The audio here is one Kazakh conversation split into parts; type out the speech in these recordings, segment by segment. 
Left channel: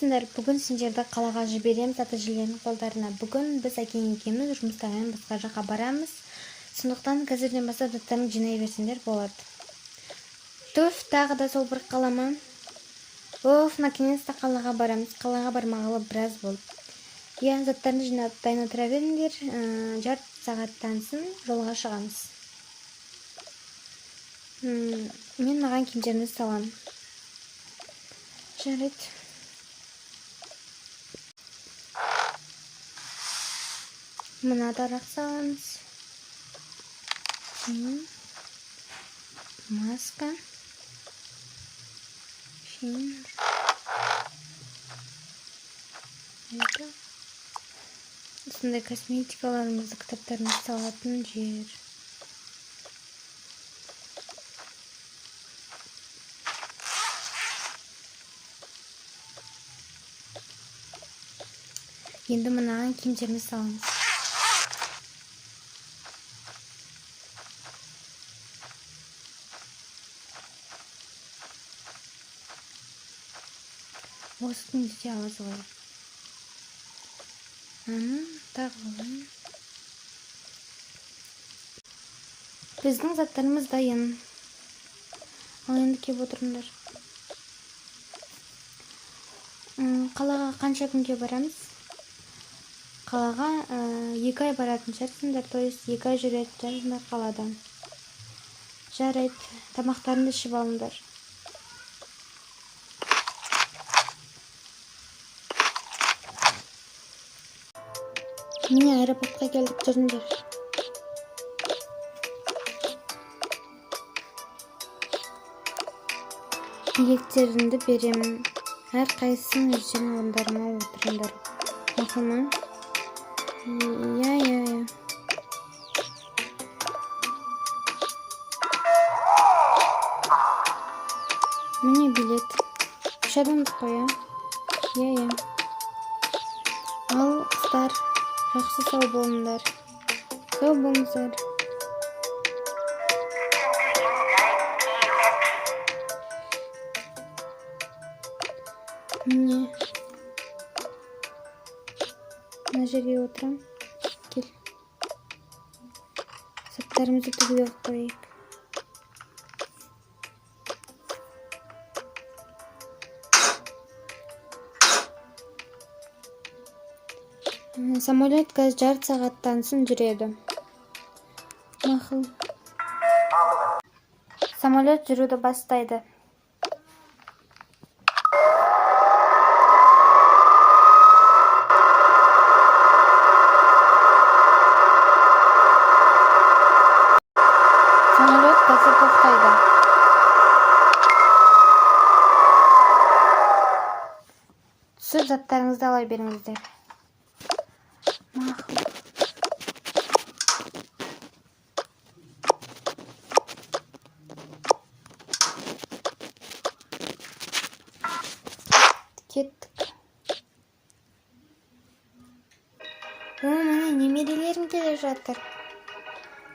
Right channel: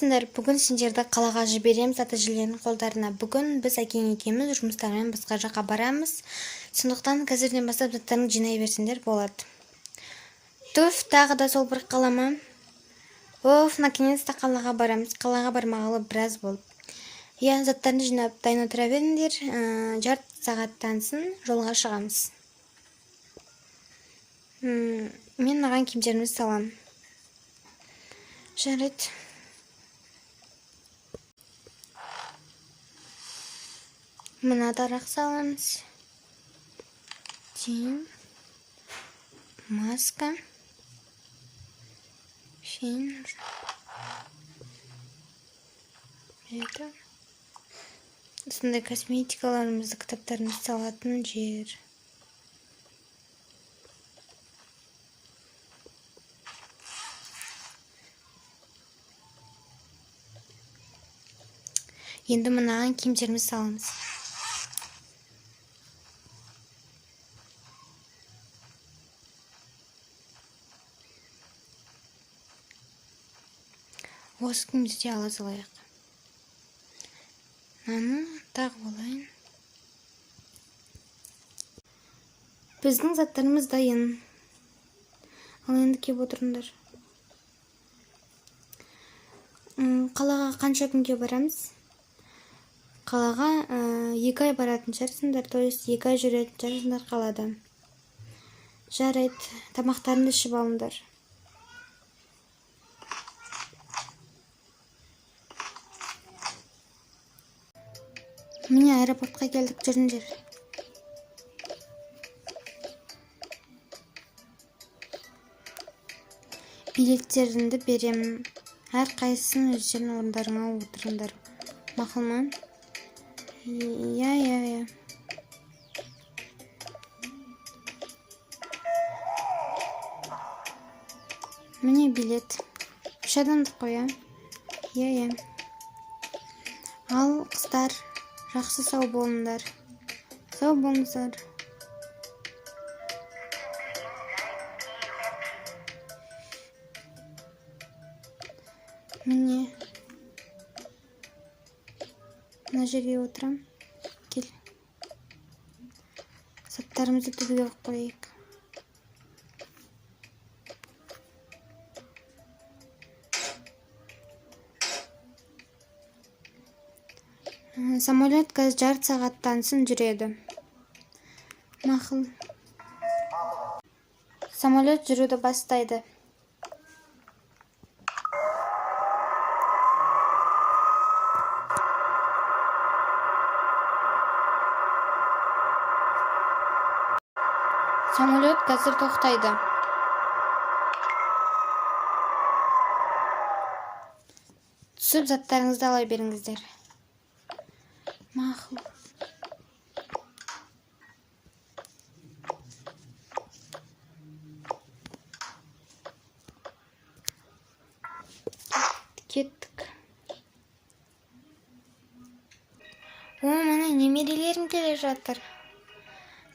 Саламатсыңдар. Бүгін сендерді қалаға жібереміз ата-әжелердің қолдарына. Бүгін біз әкең екеуміз жұмыстармен басқа жаққа барамыз. Сондықтан қазірден бастап заттарын жинай берсеңдер болады. Туф, тағы да сол бір қалама. Оф, наконец-то қалаға барамыз. Қалаға бармағалы біраз болды. Я заттарын жинап дайын отыра беріңдер. Жарты сағаттан соң жолға шығамыз. Мен маған киімдерімді салам. Жарайды. Мына тарақ саламыз. Маска. Осындай косметикаларымызды, кітаптарымызды салатын жер. Енді мынаған киімдерімізді саламыз. Осы киімді де ала салайық. Тағы болайын. Біздің заттарымыз дайын. Ал енді кеп отырыңдар. Қалаға қанша күнге барамыз? Қалаға 2 ай баратын шығарсыңдар, то есть 2 ай жүретін шығарсыңдар қаладан. Жарайды, тамақтарыңды ішіп алыңдар. Міне аэропортқа келдік, жүріңдер. Билеттерімді беремін. Әр қайсысын өздерінің орындарына отырыңдар. Мақұл ма? Я. Міне билет. 3 адамдық қой, Я. Ал қыздар, жақсы сау болыңдар. Сау болыңыздар. Міне. Мына жерге отырам. Кел. Заттарымызды түгел қойып. Самолет қазір жарты сағаттан соң жүреді. Мақұл. Самолет жүруді бастайды. Самолет қазір тоқтайды. Түсіп заттарыңызды ала беріңіздер. Мақұл. Кеттік. Міне немерелерім келе жатыр.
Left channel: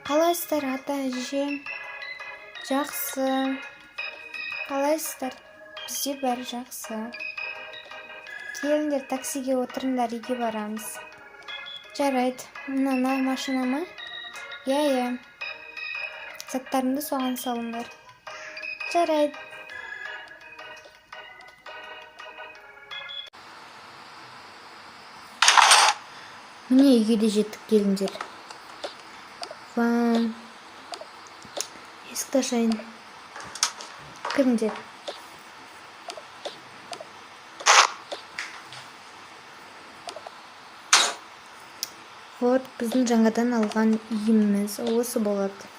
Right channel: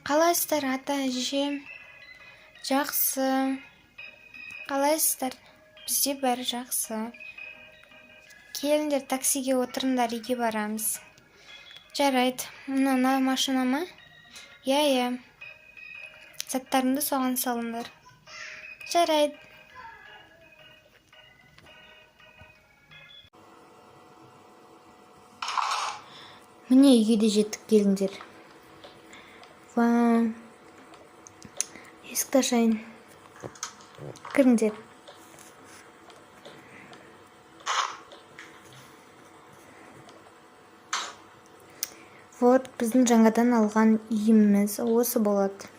Қалайсыздар, ата-әже? Жақсы. Қалайсыздар? Бізде бәрі жақсы. Келіңдер, таксиге отырыңдар, үйге барамыз. Жарайды. Мына машина ма? Я. Заттарымды соған салыңдар. Жарайды. Міне үйге де жеттік, келіңдер. Вау. Есікті ашайын. Кіріңдер. Вот, біздің жаңадан алған үйіміз осы болады.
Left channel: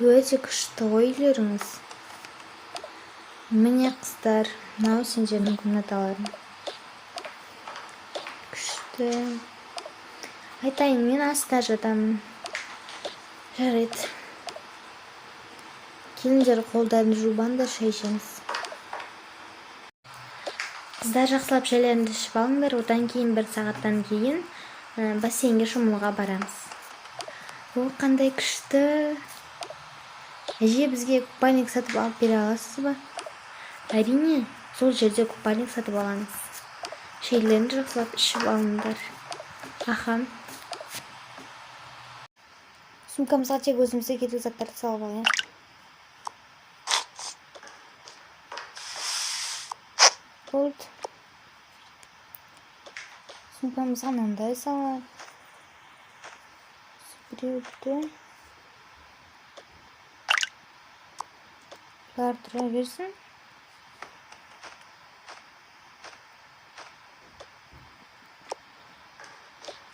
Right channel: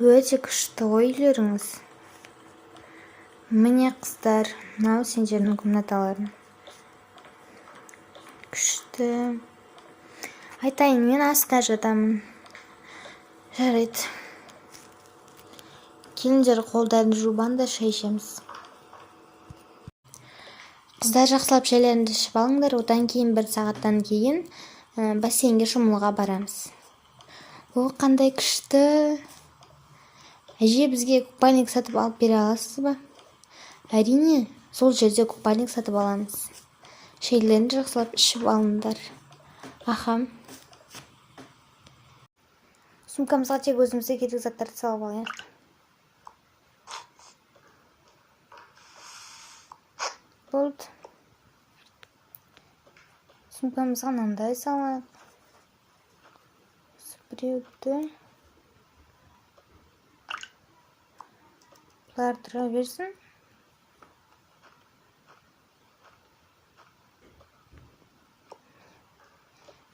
Өте күшті үйлеріңіз. Міне қыздар, мынау сендердің комнаталарың. Күшті. Айтайын, мен астына жатамын. Жарайды. Келіңдер, қолдарын жубаңдар, шай ішеміз. Қыздар, жақсылап шайларыңды ішіп алыңдар. Одан кейін 1 сағаттан кейін бассейнге шомылуға барамыз. О, қандай күшті. Әже, бізге купальник сатып алып бере аласыз ба? Әрине, Сол жерде купальник сатып аламыз. Шейлерін жақсылап ішіп алыңдар. Аха. Сумкамызға тек өзімізге керек заттарды салып алайық. Болды. Сумкамызға мынандай салайық. Біреуді. Бұлар тұра берсін.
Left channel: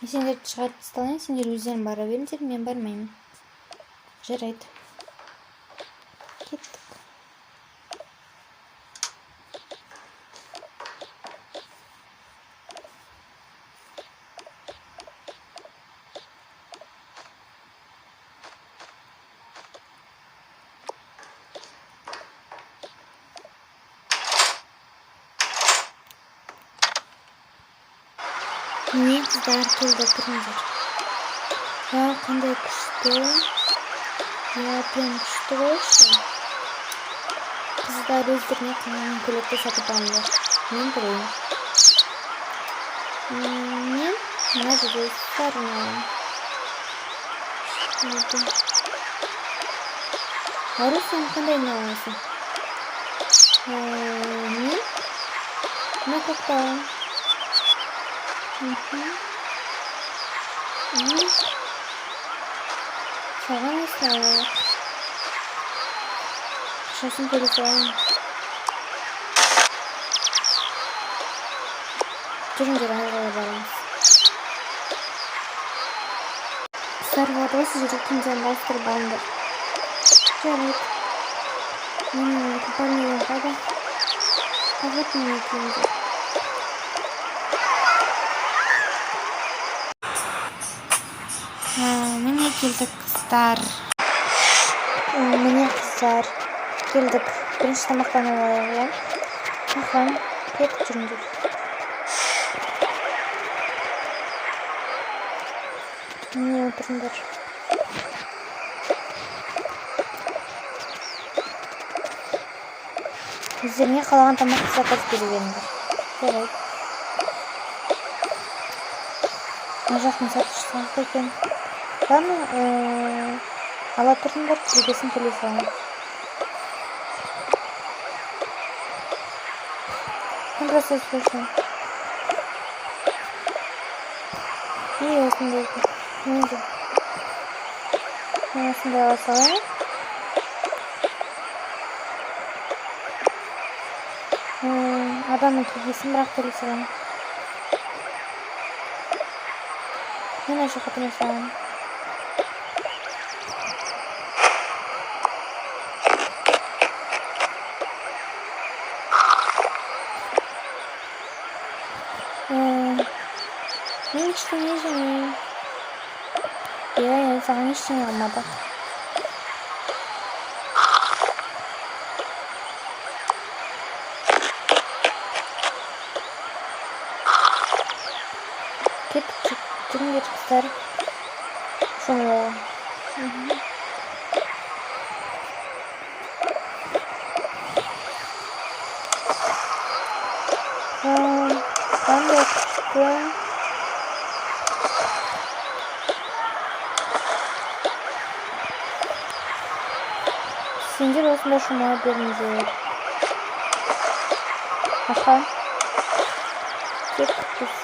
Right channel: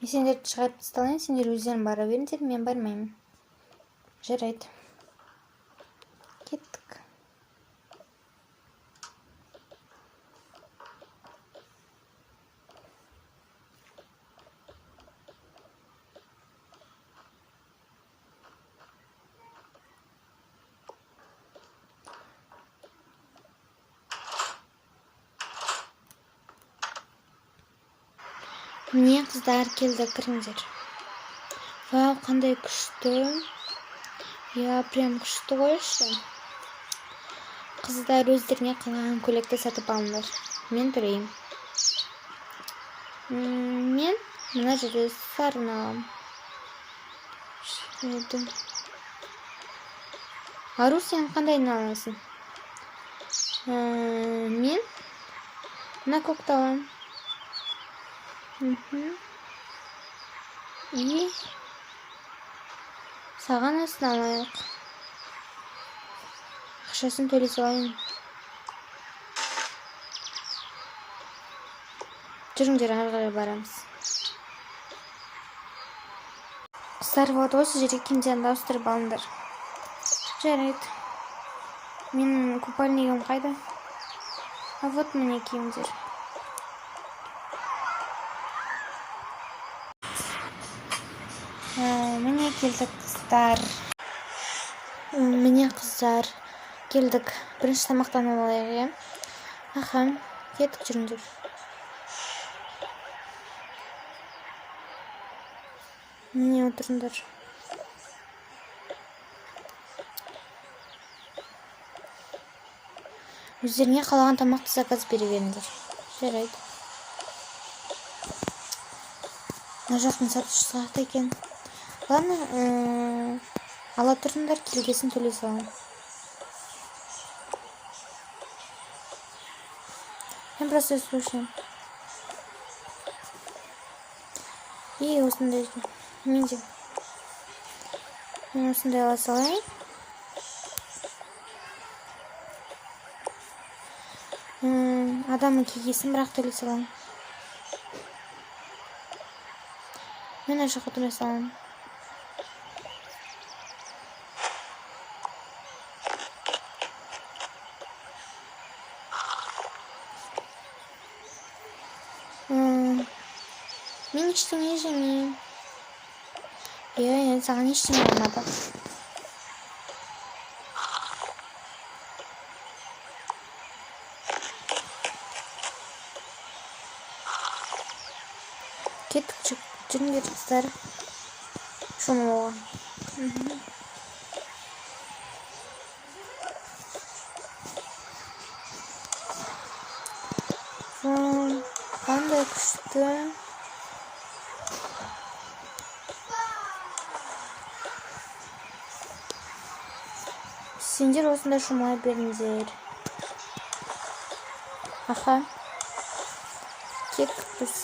Мен сендерді шығарып тасталайын, сендер өздерің бара беріңдер, мен бармаймын. Жарайды. Кеттік. Не қыздар келді, кіріңдер. Қандай күшті. Прям күшті қойшы. Қыздар өздеріне қалаған көйлекті сатып алыңдар. Мен көрейін. Мен мына жерде сарын аламын. Ару, сен қандайын аласың? Мен мына көкті аламын. Саған несін алайық? Ақшасын төлеп алайын. Жүріңдер, ары қарай барамыз. Қыздар, вот осы жерде киімдерді ауыстырып алыңдар. Жарайды. Менің купальнигім қайда? Вот міне киімдер. Міне келдік, қыздар. Міне, қыздар. Келдік. Бірінші тамақтанып алайық, иә? Аха, кеттік, жүріңдер. Міне отырыңдар. Өздеріне қалаған тамақты заказ бере беріңдер. Жарайды. Мына жақтың сатушысы ақ екен. Ладно, ала тұрыңдар, келгесін төлей салайын. Мен просто слушаю. И осындай. Мен осындай ала салайын. Адамның кегесін бірақ төлей салайын. Мен ашыққа төлей салайын. Мен ештеңе жемеймін. Иә, саған ештеңе алмады. Кеттік, жүріңдер, қыздар. Шомылуға. Қандай күшті. Сендер осында шомыла беріңдер. Аха. Кеттік біз.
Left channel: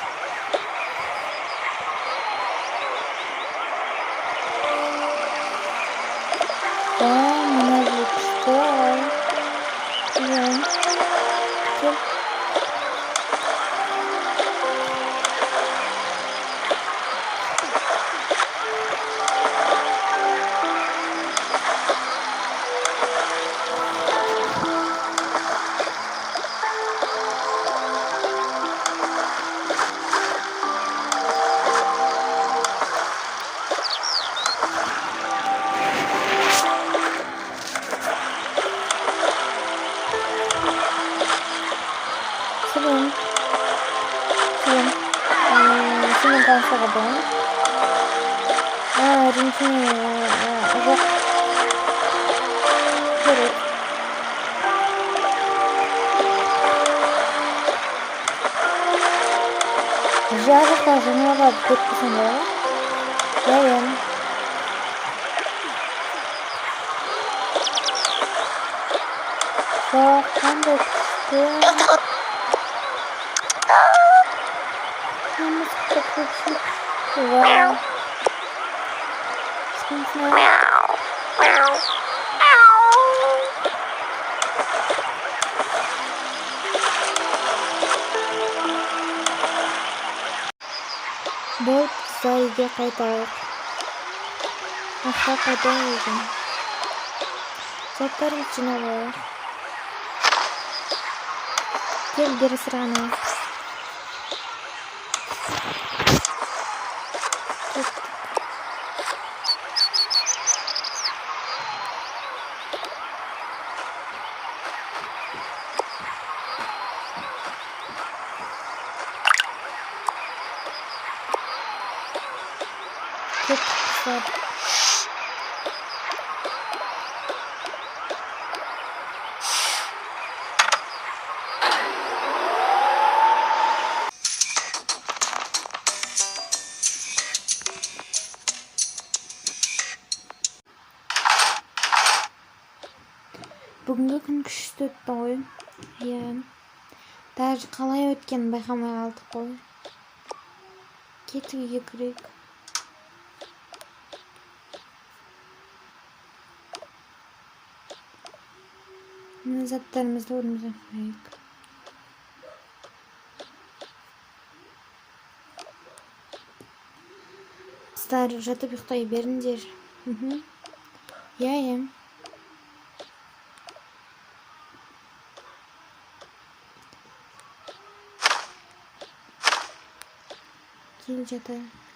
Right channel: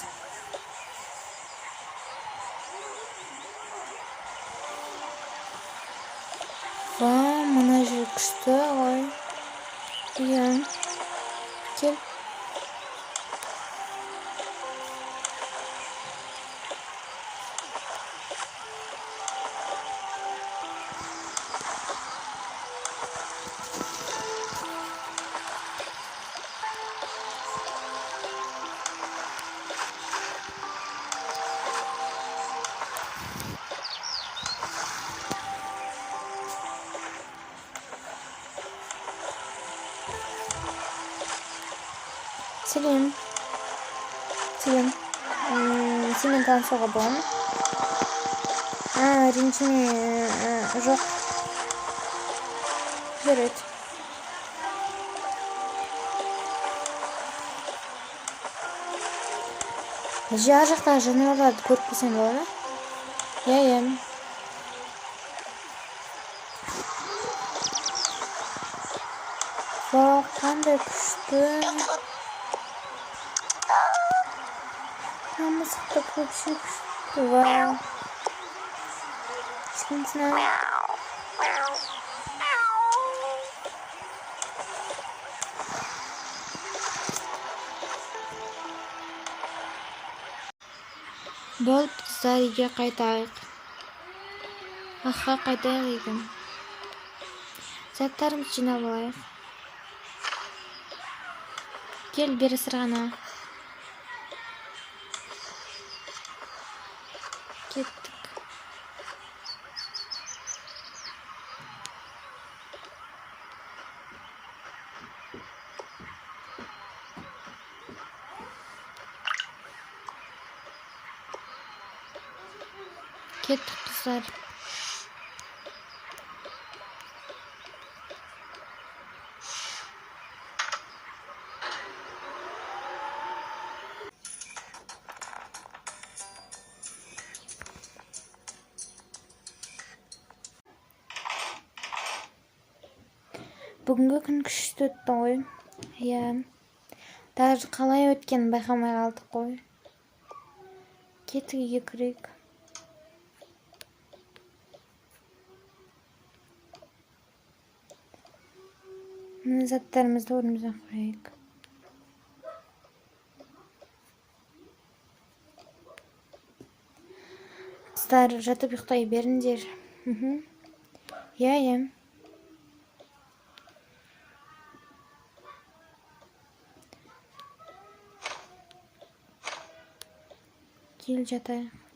Мына жер күшті, ай. Иә. Кел. Сәлем. Сенімен танысуға болады ма? Ренжіме. Жоқ. Жарайды. Жарықта жануарларды көріп келсең болады ма? Иә. Вау, қандай күшті. Мысықты көпші күшті. Вау. Смешно. Болып, қыздар үйге қайтайық. Аққа қайтайық екен. Заттарымызды жинап алайық. Кел, бері сырғана. Кеттік. Қыздар. Бүгінгі күн күшті өтті ғой. Иә. Даже қалай өткенін байқамай қалдық қой. Кеттік, үйге кірейік. Мына заттарымызды орнымызға қойайық. Қыздар, жатып ұйықтай беріңдер. Иә. Кел, жатайық.